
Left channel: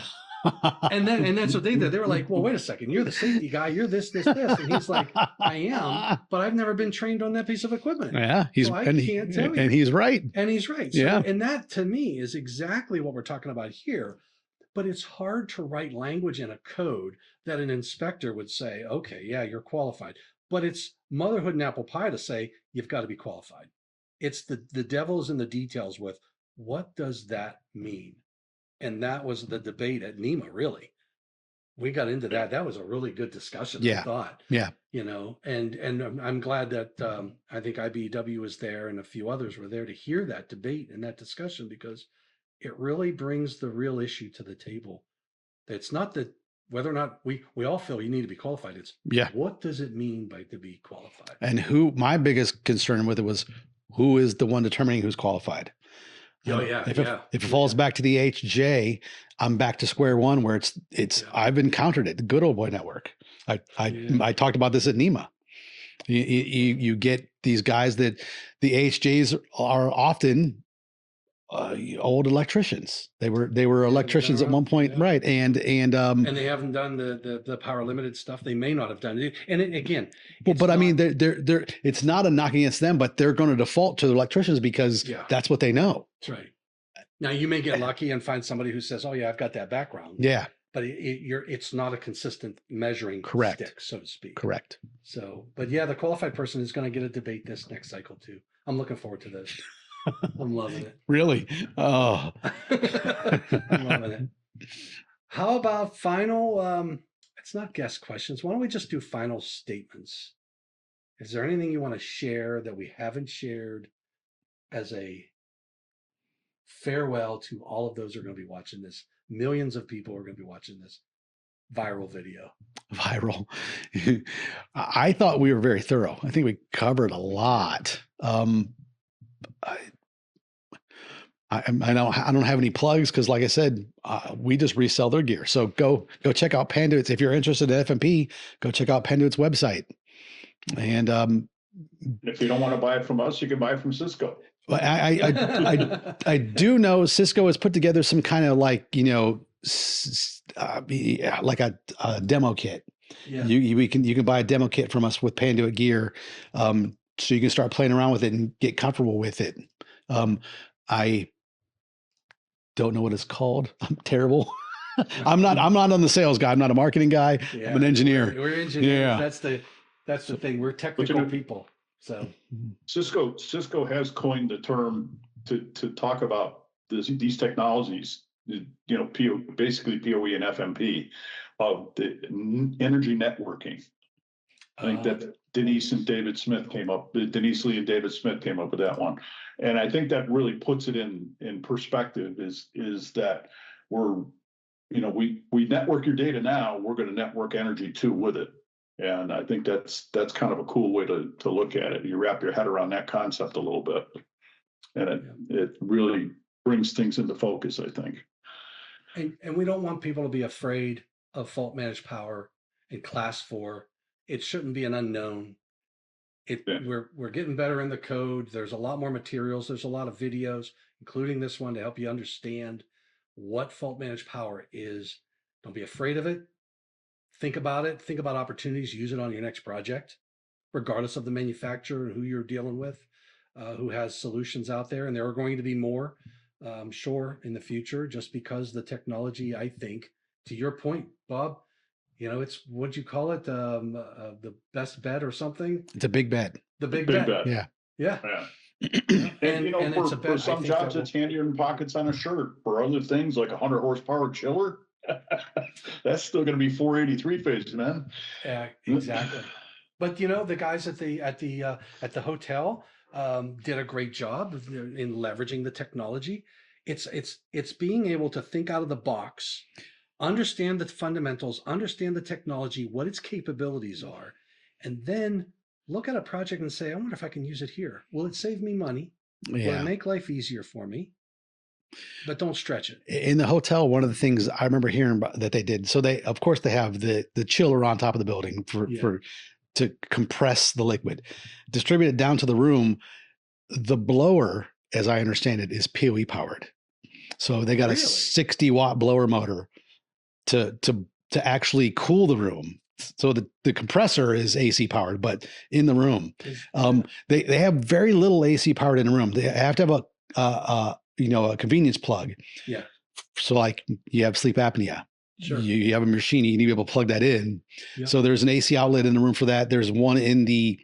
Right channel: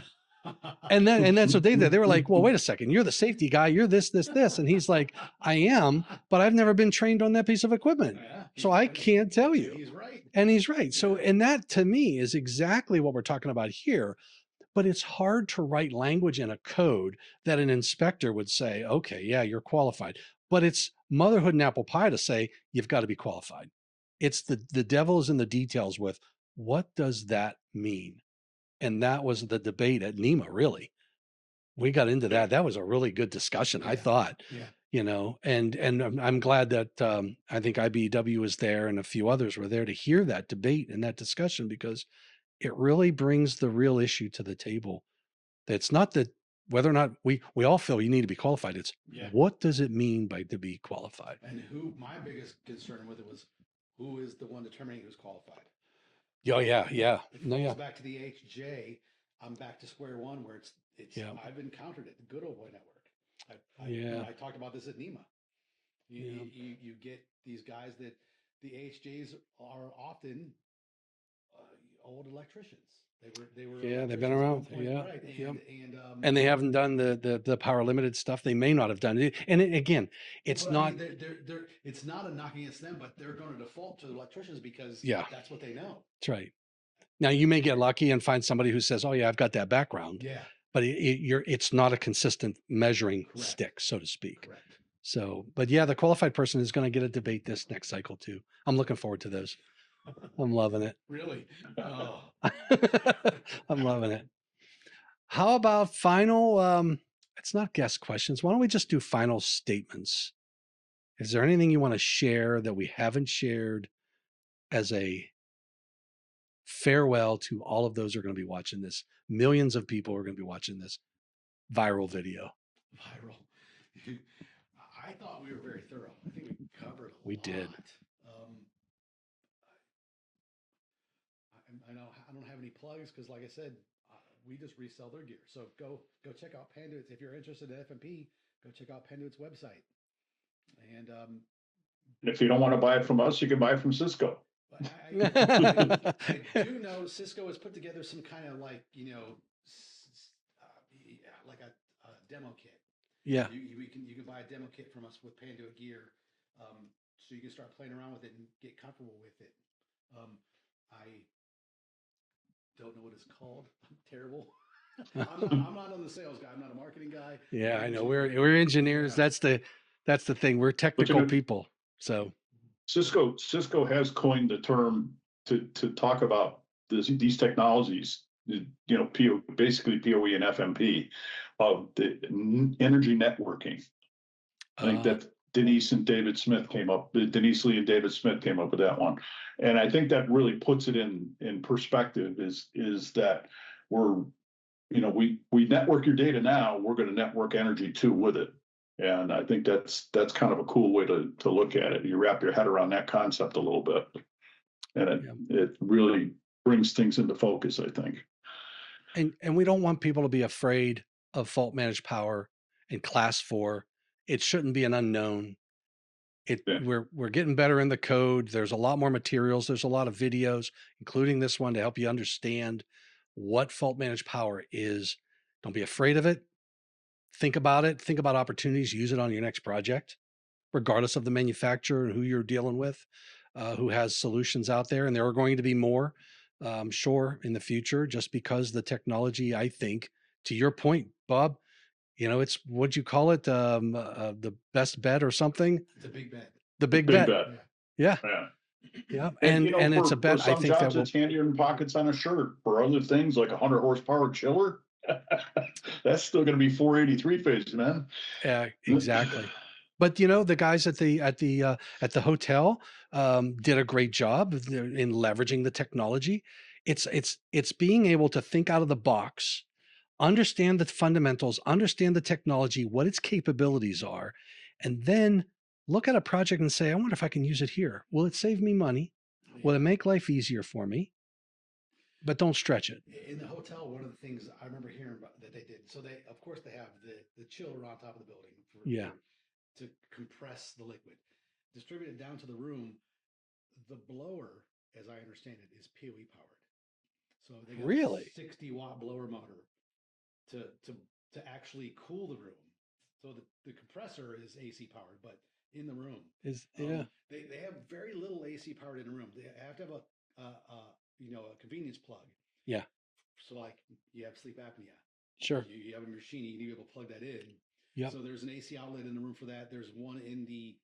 and then so they were like, well, wait a second, you're the safety guy, you're this. And he's like, I am, but I've never been trained on that piece of equipment. Yeah. So I can't tell you. And he's right. And he's right. So, Yeah. and that to me is exactly what we're talking about here. But it's hard to write language in a code that an inspector would say, okay, yeah, you're qualified. But it's motherhood and apple pie to say, you've got to be qualified. It's the devil's in the details with what does that mean? And that was the debate at NEMA, really. We got into that. That was a really good discussion, I thought. Yeah. And I'm glad that I think IBEW was there and a few others were there to hear that debate and that discussion, because it really brings the real issue to the table. That's not that whether or not we all feel you need to be qualified. It's what does it mean by to be qualified? And my biggest concern with it was, who is the one determining who's qualified? Oh yeah. If it falls back to the HJ, I'm back to square one where I've encountered it. The good old boy network. I talked about this at NEMA. You get these guys that the HJs are often old electricians. They were electricians at one point, right? And they haven't done the power limited stuff. They may not have done it. And again, I mean, they're it's not a knock against them, but they're going to default to the electricians because that's what they know. That's right. Now you may get lucky and find somebody who says, "Oh yeah, I've got that background." Yeah, but it's not a consistent measuring stick, so to speak. Correct. So, but yeah, the qualified person is going to get a debate this next cycle too. I'm looking forward to those. I'm loving it. Really? Oh, I'm loving it. How about final? It's not guest questions. Why don't we just do final statements? Is there anything you want to share that we haven't shared as a farewell to all of those who are going to be watching this? Millions of people are going to be watching this viral video. Viral. I thought we were very thorough. I think we covered a lot. I don't have any plugs because, like I said, we just resell their gear. So go check out Panduit's. If you're interested in FMP, go check out Panduit's website. And if you don't want to buy it from us, you can buy it from Cisco. I do know Cisco has put together some kind of like like a demo kit. Yeah, you can buy a demo kit from us with Panduit gear, so you can start playing around with it and get comfortable with it. I don't know what it's called. I'm terrible. I'm not on the sales guy. I'm not a marketing guy. Yeah, I'm an engineer. We're engineers. Yeah. That's the thing. We're technical people. So Cisco has coined the term to talk about these technologies, basically PoE and FMP, of the energy networking. I think that Denise Lee and David Smith came up with that one. And I think that really puts it in perspective is that we network your data now, we're going to network energy too with it. And I think that's kind of a cool way to look at it. You wrap your head around that concept a little bit, and it really brings things into focus, I think. And we don't want people to be afraid of fault managed power in class 4. It shouldn't be an unknown. Yeah. We're getting better in the code. There's a lot more materials. There's a lot of videos, including this one, to help you understand what fault managed power is. Don't be afraid of it. Think about it. Think about opportunities. Use it on your next project, regardless of the manufacturer and who you're dealing with, who has solutions out there. And there are going to be more, I'm sure, in the future, just because the technology, I think, to your point, Bob, it's, what'd you call it? The best bet or something? It's a big bet. The The big big bet. bet. Yeah. Yeah. Yeah. Yeah. And And it's a for bet, I some think, jobs, that will, it's handier than pockets on a shirt. For other things, like a 100 horsepower chiller, that's still going to be 483 phase, man. exactly. But the guys at the hotel did a great job in leveraging the technology. It's being able to think out of the box, understand the fundamentals, understand the technology, what its capabilities are, and then look at a project and say, I wonder if I can use it here. Will it save me money? Will it Yeah. make life easier for me? But don't stretch it. In the hotel, one of the things I remember hearing about that they did, so they, of course, they have the chiller on top of the building Yeah. to compress the liquid, distribute it down to the room. The blower, as I understand it, is PoE powered. So they got a Really? 60-watt blower motor to actually cool the room. So the compressor is AC powered, but in the room, Yeah. they have very little AC powered in the room. They have to have a convenience plug. Yeah. So like you have sleep apnea, Sure. you have a machine, you need to be able to plug that in. Yep. So there's an AC outlet in the room for that. There's one in the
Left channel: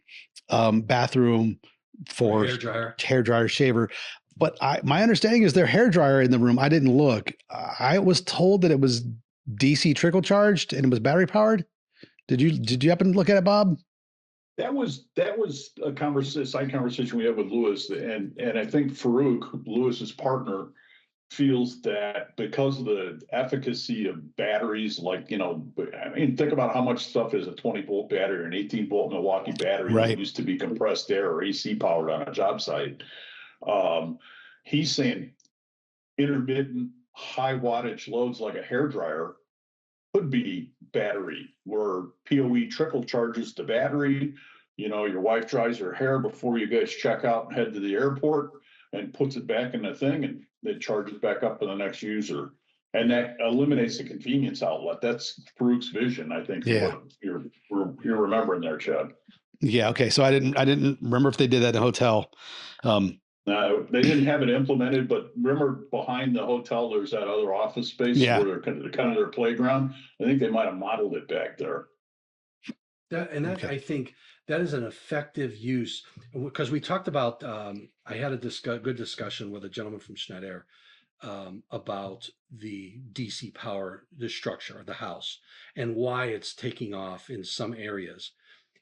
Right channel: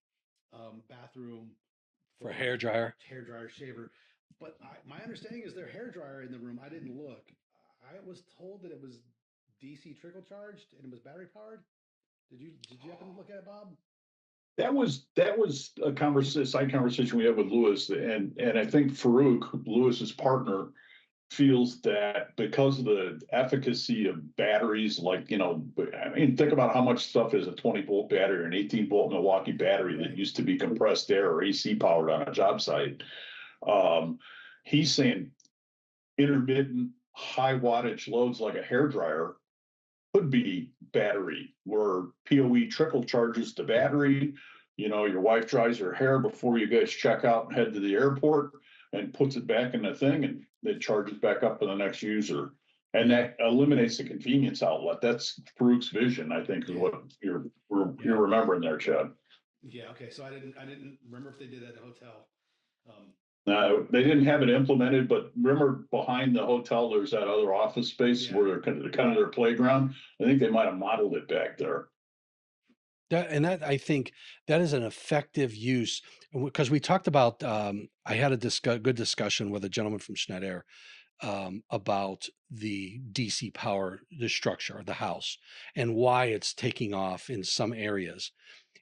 bathroom for hair dryer, shaver. But my understanding is their hair dryer in the room. I didn't look. I was told that it was DC trickle charged and it was battery powered. Did you happen to look at it, Bob? That was a side conversation we had with Lewis, and I think Farouk, Lewis's partner, feels that because of the efficacy of batteries, like, I mean, think about how much stuff is a 20-volt battery or an 18-volt Milwaukee battery that used to be compressed air or AC powered on a job site. He's saying intermittent high wattage loads like a hair dryer could be battery, where PoE trickle charges the battery. Your wife dries her hair before you guys check out and head to the airport, and puts it back in the thing, and it charges back up for the next user. And that eliminates the convenience outlet. That's Farouk's vision, I think, for what you're remembering there, Chad. Yeah. Okay. So I didn't remember if they did that in a hotel. No, they didn't have it implemented, but remember behind the hotel, there's that other office space where they're kind of their playground. I think they might have modeled it back there. I think that is an effective use, because we talked about, I had a good discussion with a gentleman from Schneider about the DC power, the structure of the house, and why it's taking off in some areas.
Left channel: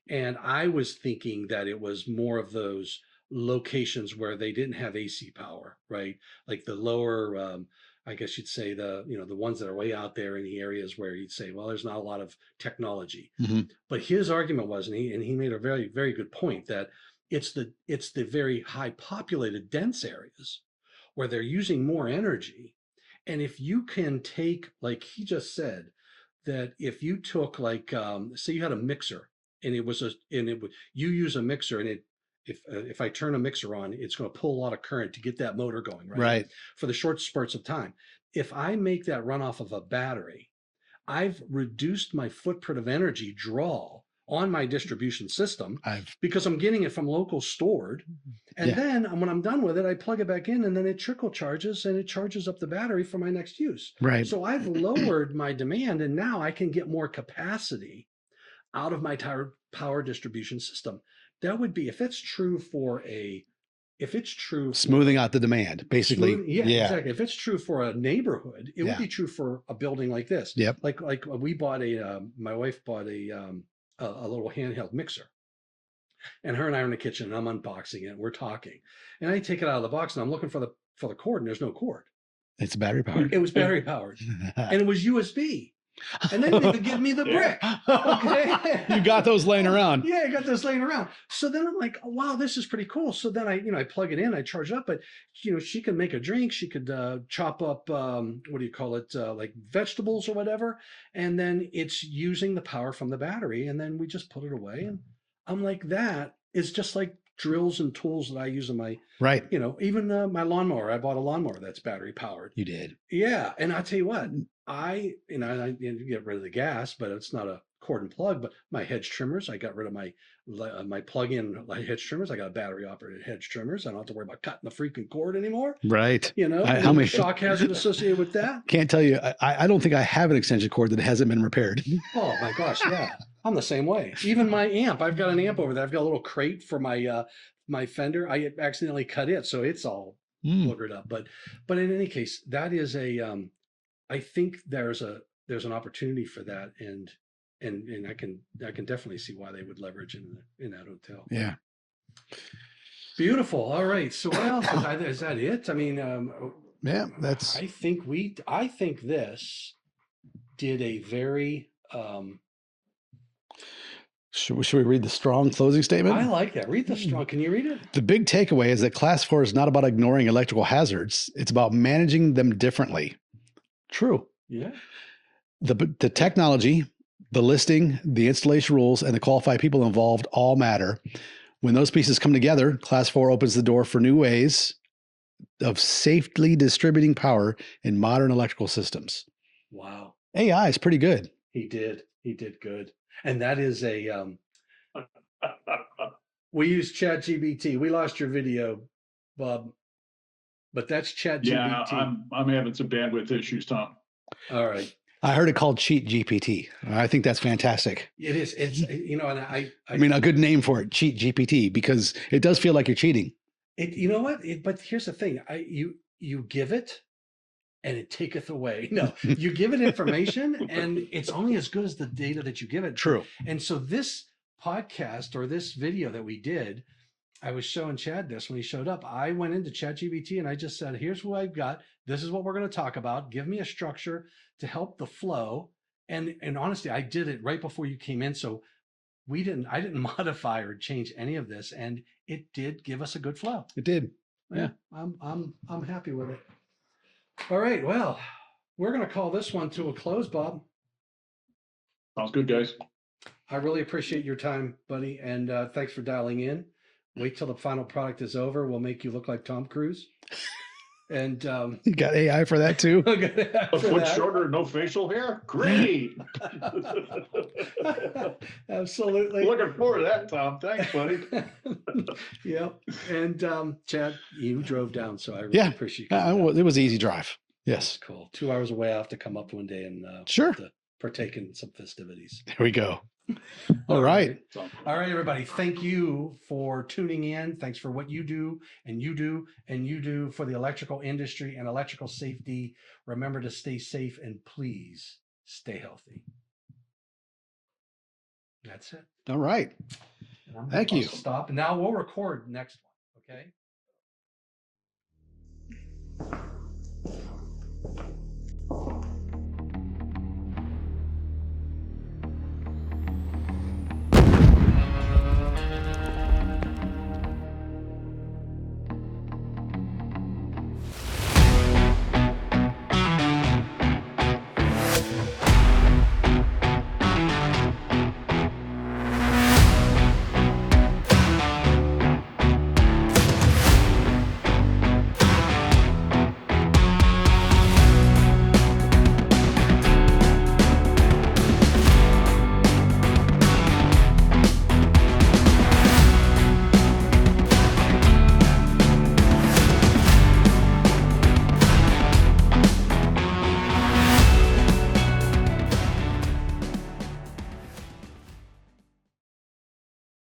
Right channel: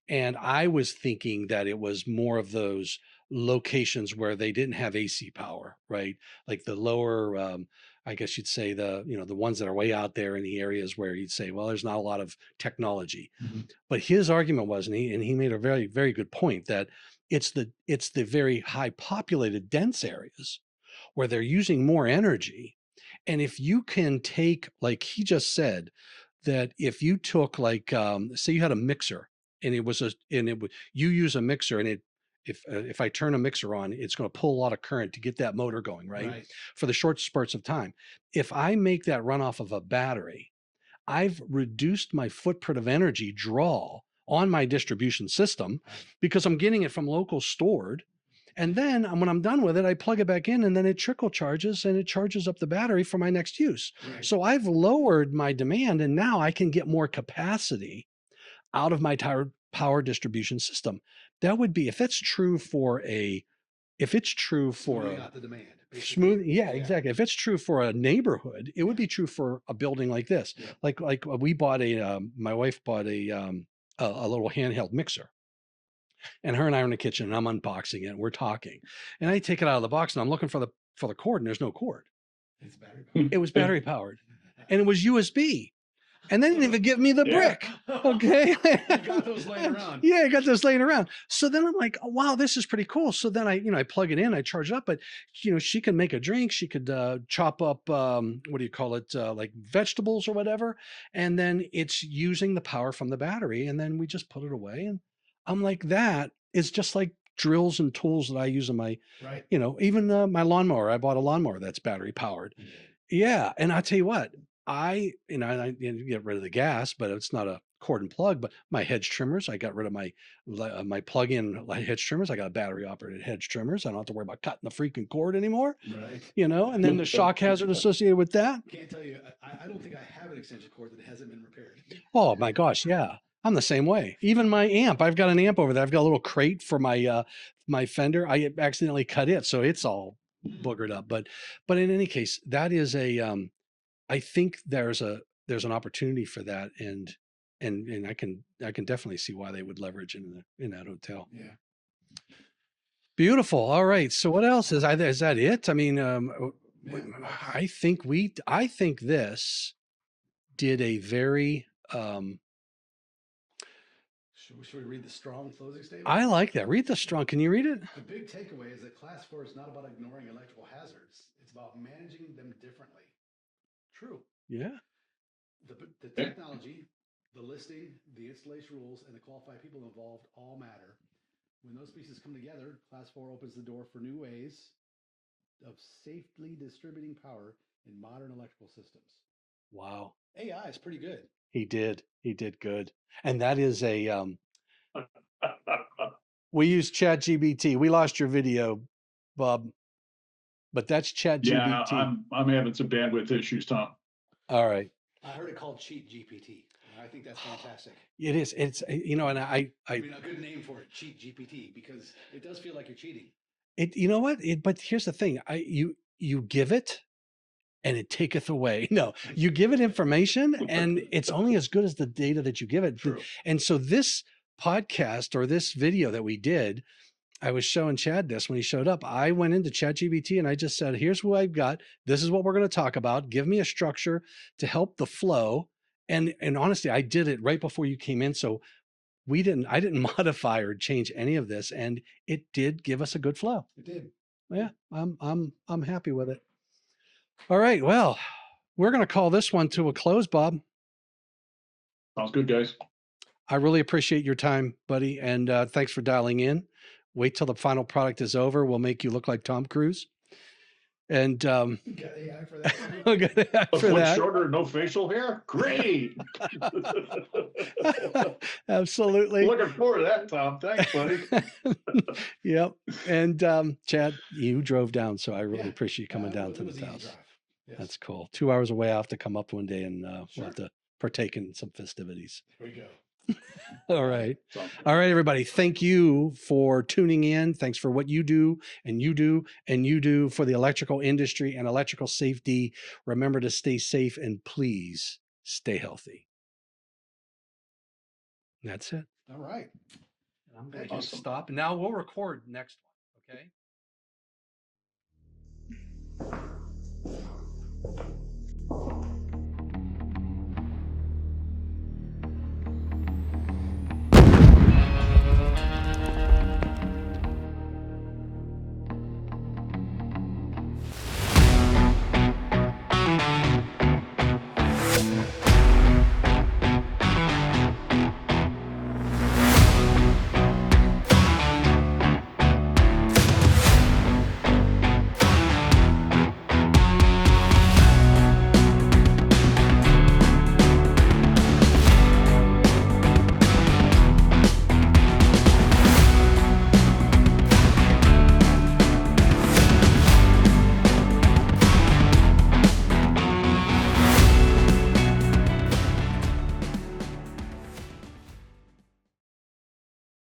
And I was thinking that it was more of those locations where they didn't have AC power, right? Like the lower, I guess you'd say the ones that are way out there in the areas where you'd say, well, there's not a lot of technology. Mm-hmm. But his argument was, and he made a very, very good point, that it's the very high populated dense areas where they're using more energy. And if you can take, like he just said, that if you took, like, say you had a mixer, and you use a mixer, and if I turn a mixer on, it's going to pull a lot of current to get that motor going, right? For the short spurts of time. If I make that run off of a battery, I've reduced my footprint of energy draw on my distribution system because I'm getting it from local stored. And then when I'm done with it, I plug it back in, and then it trickle charges, and it charges up the battery for my next use. Right. So I've lowered my demand, and now I can get more capacity out of my power distribution system. That would be, if it's true for smoothing out the demand, basically. Exactly. If it's true for a neighborhood, it would be true for a building like this. Yep. Like we bought my wife bought a little handheld mixer, and her and I are in the kitchen, and I'm unboxing it, and we're talking, and I take it out of the box, and I'm looking for the cord, and there's no cord. It's battery powered. It was battery powered, and it was USB. And then they give me the brick. Okay. You got those laying around. Yeah, I got those laying around. So then I'm like, oh, wow, this is pretty cool. So then I plug it in, I charge it up, but she can make a drink. She could chop up, what do you call it? Like vegetables or whatever. And then it's using the power from the battery. And then we just put it away. And I'm like, that is just like drills and tools that I use in my, right. Even my lawnmower. I bought a lawnmower that's battery powered. You did. Yeah. And I'll tell you what, I get rid of the gas, but it's not a cord and plug, but my hedge trimmers, I got rid of my plug-in hedge trimmers. I got battery operated hedge trimmers. I don't have to worry about cutting the freaking cord anymore. Right. How many shock hazard associated with that? Can't tell you. I don't think I have an extension cord that hasn't been repaired. Oh my gosh. Yeah. I'm the same way. Even my amp, I've got an amp over there. I've got a little crate for my Fender. I accidentally cut it. So it's all boogered up. But in any case, that is I think there's an opportunity for that, and I can definitely see why they would leverage in that hotel. Yeah. Beautiful. All right. So what else is that it? I mean, yeah, that's. I think this did a very. Should we read the strong closing statement? I like that. Read the strong. Can you read it? The big takeaway is that Class 4 is not about ignoring electrical hazards. It's about managing them differently. True. Yeah. The technology, the listing, the installation rules, and the qualified people involved all matter. When those pieces come together, Class 4 opens the door for new ways of safely distributing power in modern electrical systems. Wow. AI is pretty good. He did good. And that is we use ChatGPT. We lost your video, Bob, but that's ChatGPT. Yeah, I'm having some bandwidth issues, Tom. All right. I heard it called Cheat GPT. I think that's fantastic. It is. It's and I mean, a good name for it, Cheat GPT, because it does feel like you're cheating. You know what? But here's the thing: you give it, and it taketh away. No, you give it information, and it's only as good as the data that you give it. True. And so this podcast or this video that we did, I was showing Chad this when he showed up. I went into ChatGPT and I just said, here's what I've got. This is what we're going to talk about. Give me a structure to help the flow. And honestly, I did it right before you came in. So I didn't modify or change any of this. And it did give us a good flow. It did. Yeah. I'm happy with it. All right. Well, we're going to call this one to a close, Bob. Sounds good, guys. I really appreciate your time, buddy. And thanks for dialing in. Wait till the final product is over. We'll make you look like Tom Cruise. And you got AI for that too. A foot shorter, no facial hair. Great. Absolutely. Looking forward to that, Tom. Thanks, buddy. Yep. And Chad, you drove down, so I really appreciate you. It was an easy drive. Yes. That's cool. 2 hours away. I have to come up one day and to partake in some festivities. There we go. All right. All right, everybody. Thank you for tuning in. Thanks for what you do and you do and you do for the electrical industry and electrical safety. Remember to stay safe and please stay healthy. That's it. All right. Thank you. Stop. Now we'll record next one. Okay.